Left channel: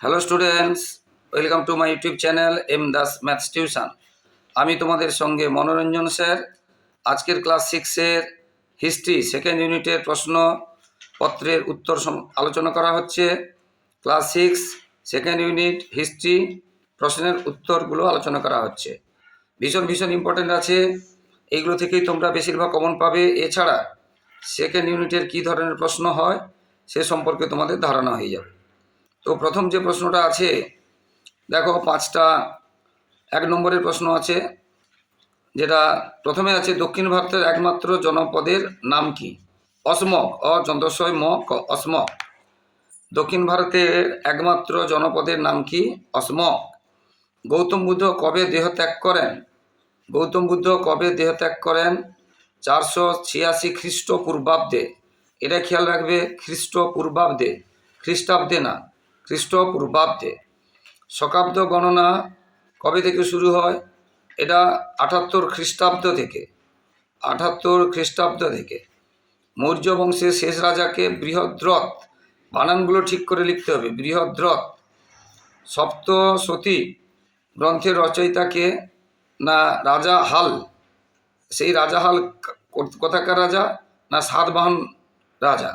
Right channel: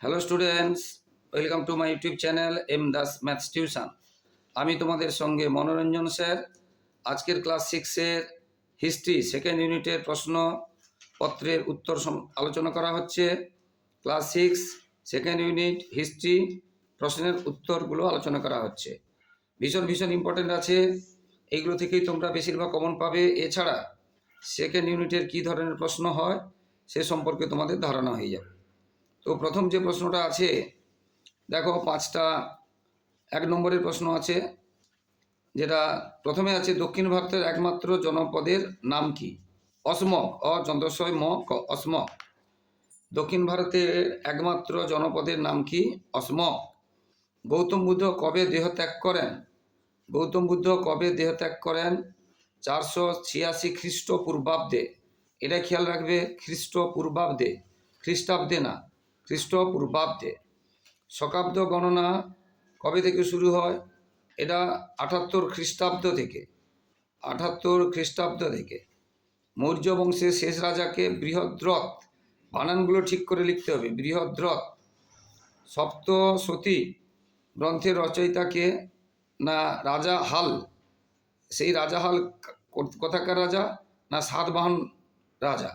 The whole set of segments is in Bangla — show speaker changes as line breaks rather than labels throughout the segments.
Hello students welcome to my YouTube channel M Das maths tuition আমি তোমাদের সঙ্গে মনোরঞ্জন স্যার। আজকের ক্লাস সিক্সের হিস্ট্রি সেকেন্ড ইউনিটের প্রশ্ন পত্রের উত্তর আলোচনা করা হচ্ছে। Class six second unit history প্রশ্নের উত্তরগুলো আলোচনা করা হচ্ছে। ভীষণ ভীষণ ইম্পর্টেন্ট আছে। এইগুলো থেকেই তোমরা বেশিরভাগ কমন পাবে। এছাড়া সেকেন্ড ইউনিটের কী ধরনের প্রশ্ন হয়, সে সম্পর্কে তোমাদের ধারণা হয়ে যাবে। তো প্রথম যে প্রশ্নটা আছে, দেখো পাঁচটা, এক নম্বরের প্রশ্ন আছে, যেটা প্রথমে আছে, দক্ষিণ ভারতের একমাত্র জনপদের নাম কি? অসমক চন্দ্রশয় ম, ক, অসমক। দক্ষিণ ভারতের একমাত্র জনপদের নাম কি? অসমক। গৌতম বুদ্ধ কবে দেহত্যাগ করেন? গৌতম বুদ্ধ কবে দেহত্যাগ করেন? চারশো ছিয়াশি খ্রিস্টপূর্বাব্দে। এটা খেয়াল রাখবে, খ্রিস্টপূর্বাব্দে, খ্রিস্টাব্দে না। খ্রিস্টপূর্বাব্দে শকাব্দ গণনা কবে থেকে শুরু হয়? এটা আটাত্তর খ্রিস্টাব্দ থেকে। আটাত্তর খ্রিস্টাব্দ থেকে। মৌর্য বংশের শেষ রাজাকে বৃহদ্রথ, বানানগুলো ঠিক করে লিখতে হবে, বৃহদ্রথ। সপ্তসতী গ্রন্থের রচয়িতাকে না, রাজা হাল। সেই রাজা হাল কোথাকার রাজা? না, সাতবাহন রাজা,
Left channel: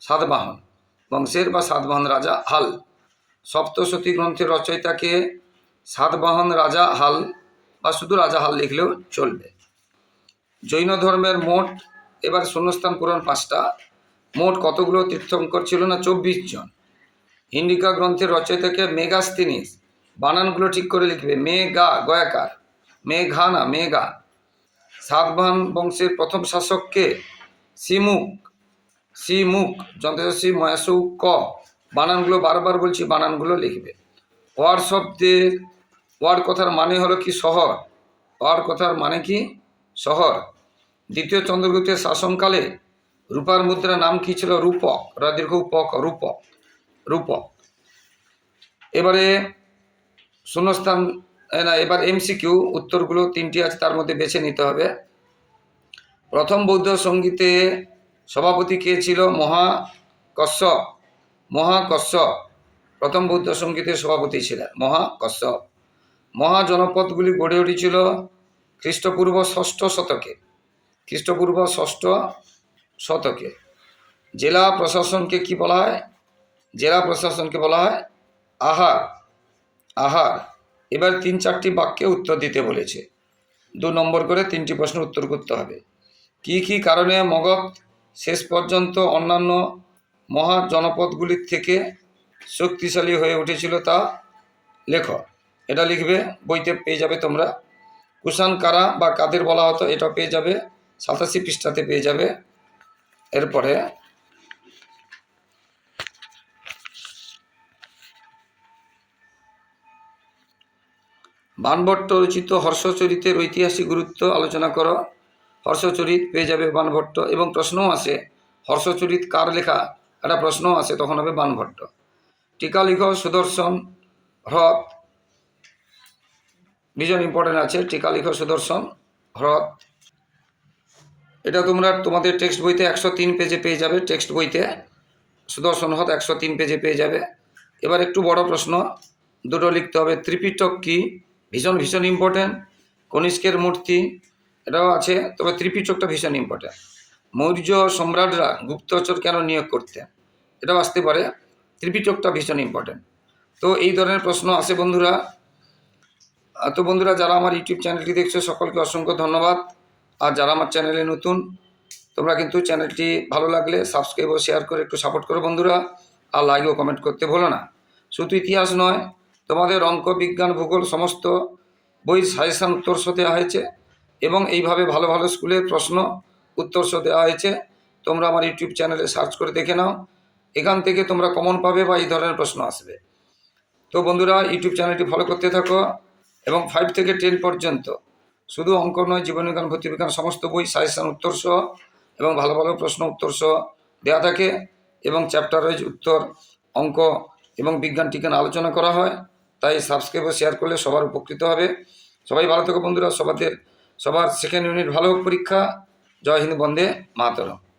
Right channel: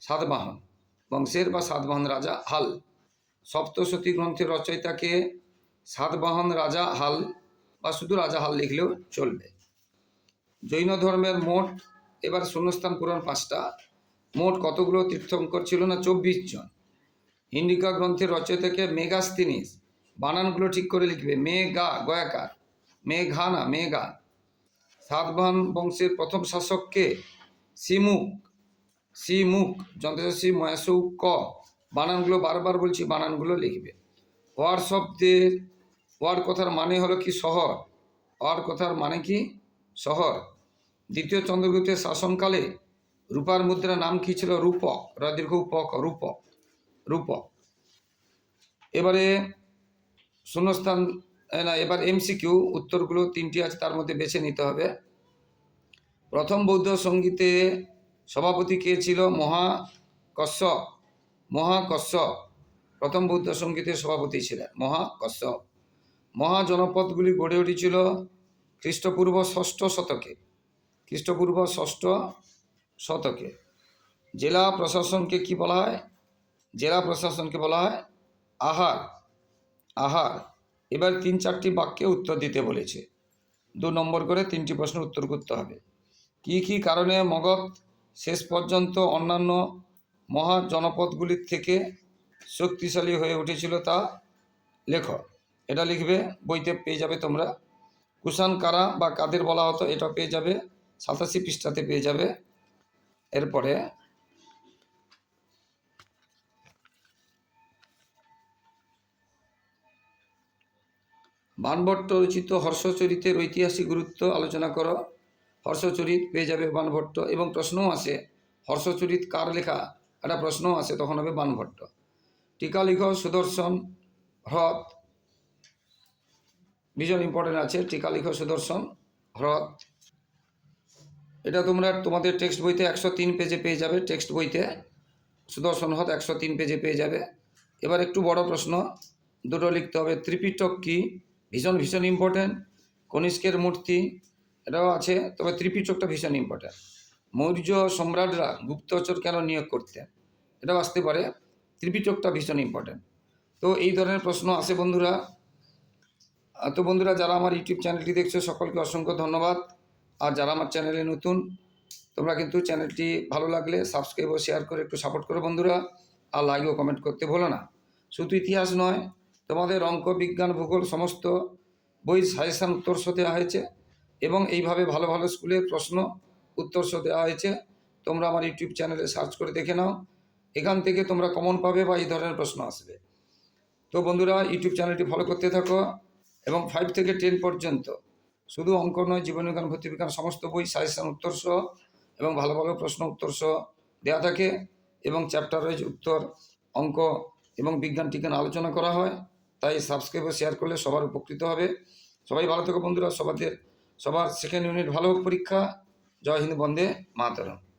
সাতবাহন বংশের বা সাতবাহন রাজা হাল। সপ্তশতী গ্রন্থের রচয়িতাকে সাতবাহন রাজা হাল বা শুধু রাজা হাল লিখলেও চলবে। জৈন ধর্মের মোট, এবার শূন্যস্থান পূরণ পাঁচটা, মোট কতগুলো তীর্থঙ্কর ছিল না? চব্বিশ জন। ইন্ডিকা গ্রন্থের রচয়িতাকে মেগাস্তিনিস বানানগুলো ঠিক করে লিখবে। মেগা, গয়াকার। মেঘা না মেঘা সাতবাহন বংশের প্রথম শাসককে সিমুক সিমুক যন্ত্রশী ময়াসু ক। বানানগুলো বারবার বলছি, বানানগুলো লিখবে। ওয়ার শব্দের, ওয়ার কথার মানে হলো কি শহর? ওয়ার কথার মানে কি শহর? দ্বিতীয় চন্দ্রগুপ্তের শাসনকালে রূপার মুদ্রার নাম কি ছিল? রূপক। রাদীর্ঘ উপক, রূপক রূপক। এবারে শূন্যস্থান না, এবার এমসিকিউ উত্তরগুলো তিনটি আছে, তার মধ্যে বেছে নিতে হবে। প্রথম বৌদ্ধ সঙ্গীতে সভাপতি কে ছিল? মহা কশ্যপ। মহা কশ্যপ প্রথম বৌদ্ধ সঙ্গীতের সভাপতি ছিলেন। মহা কশ্যপ মহা জনপদগুলি গড়ে উঠেছিল খ্রিস্টপূর্ব ষষ্ঠ শতকে। খ্রিস্টপূর্ব ষষ্ঠ শতকে। জেলা প্রশাসনকে কি বলা হয়? জেলা প্রশাসনকে বলা হয় আহার। আহার। এবার তিন চারটি বাক্যে উত্তর দিতে বলেছে। দু নম্বর করে তিনটি প্রশ্নের উত্তর করতে হবে। কি কি কারণে মগধ শেষ পর্যন্ত অন্যান্য মহা জনপদগুলির থেকে শক্তিশালী হয়ে উঠেছিল তা লেখ এটা লিখবে, বইতে পেয়ে যাবে তোমরা। কুষাণ কারা বা কাদের বলা হতো, এটা পেয়ে যাবে। সাতাশি পৃষ্ঠাতে পেয়ে যাবে। এরপরে বানভট্ট রচিত হর্ষচরিতের ঐতিহাসিক গুরুত্ব আলোচনা করো। হর্ষচরিত পেয়ে যাবে বানভট্ট। এবং প্রশ্নও আসে, হর্ষচরিত কার লেখা? একটা প্রশ্ন আসে তখন হবে বানভট্ট। টিকা লিখ, সুদর্শন, হ্রদ। ভীষণ ইম্পর্টেন্ট আছে, টিকা লিখ, সুদর্শন, হ্রদ। এটা তোমরা, তোমাদের টেক্সট বইতে একশো তিন পেজে পেয়ে যাবে টেক্সট বইতে। সুদর্শন, হ্রদ একশো তিন পেজে পেয়ে যাবে। এবার একটু বড় প্রশ্ন, দুটো লিখতে হবে, ত্রিপিটক কি? ভীষণ ভীষণ ইম্পর্ট্যান্ট কনিষ্কের মূর্তি, এটাও আছে, তবে ত্রিপিটকটা ভীষণ ইম্পর্ট্যান্ট মৌর্য সম্রাটরা গুপ্তচর কেন নিয়োগ করতেন? এটাও আসতে পারে। ত্রিপিটকটা ভীষণ ইম্পর্ট্যান্ট তো এই ধরনের প্রশ্ন আসে বন্ধুরা। তো বন্ধুরা, যারা আমার ইউটিউব চ্যানেলটি দেখছ, সকলকে অসংখ্য ধন্যবাদ। আর যারা আমার চ্যানেলে নতুন, তোমরা কিন্তু চ্যানেলটি ভালো লাগলে সাবস্ক্রাইব ও শেয়ার করে একটু সাপোর্ট করো বন্ধুরা। আর লাইক ও কমেন্ট করতে ভুলো না। শুধু ইতিহাস নয়, তোমাদের অঙ্ক, বিজ্ঞান, ভূগোল, সমস্ত বই সাজেশান উত্তরস দেওয়া হয়েছে। এবং এইভাবে ভালো ভালো স্কুলের প্রশ্ন উত্তরস দেওয়া হয়েছে। তোমরা আমার ইউটিউব চ্যানেলে সার্চ করে দেখে নাও। এখান থেকে তোমরা কমন পাবে বা এই ধরনের প্রশ্ন আসবে। তো বন্ধুরা, ইউটিউব চ্যানেলটি ফলো করতে থাকো এবং ফাইভ থেকে টেন পর্যন্ত শুধু অঙ্ক নয়, জীবনবিজ্ঞান ভর্তিবিজ্ঞান সমস্ত বই সাজেশান উত্তরসহ এবং ভালো ভালো প্রশ্ন উত্তরসহ দেওয়া থাকে এবং চ্যাপ্টার ওয়াইজ উত্তর, অঙ্ক এবং বিজ্ঞান টিজ্ঞান আলোচনা করা হয়। তাই সাবস্ক্রাইব ও শেয়ার করলে সবার উপকৃত হবে। সবাই ভালো থাকো বন্ধুরা। সবাদের, সবার সেকেন্ড ইউনিট ভালো হোক পরীক্ষা। ଜୟ ହିନ୍ଦ ବନ୍ଦେ ମାତରମ୍।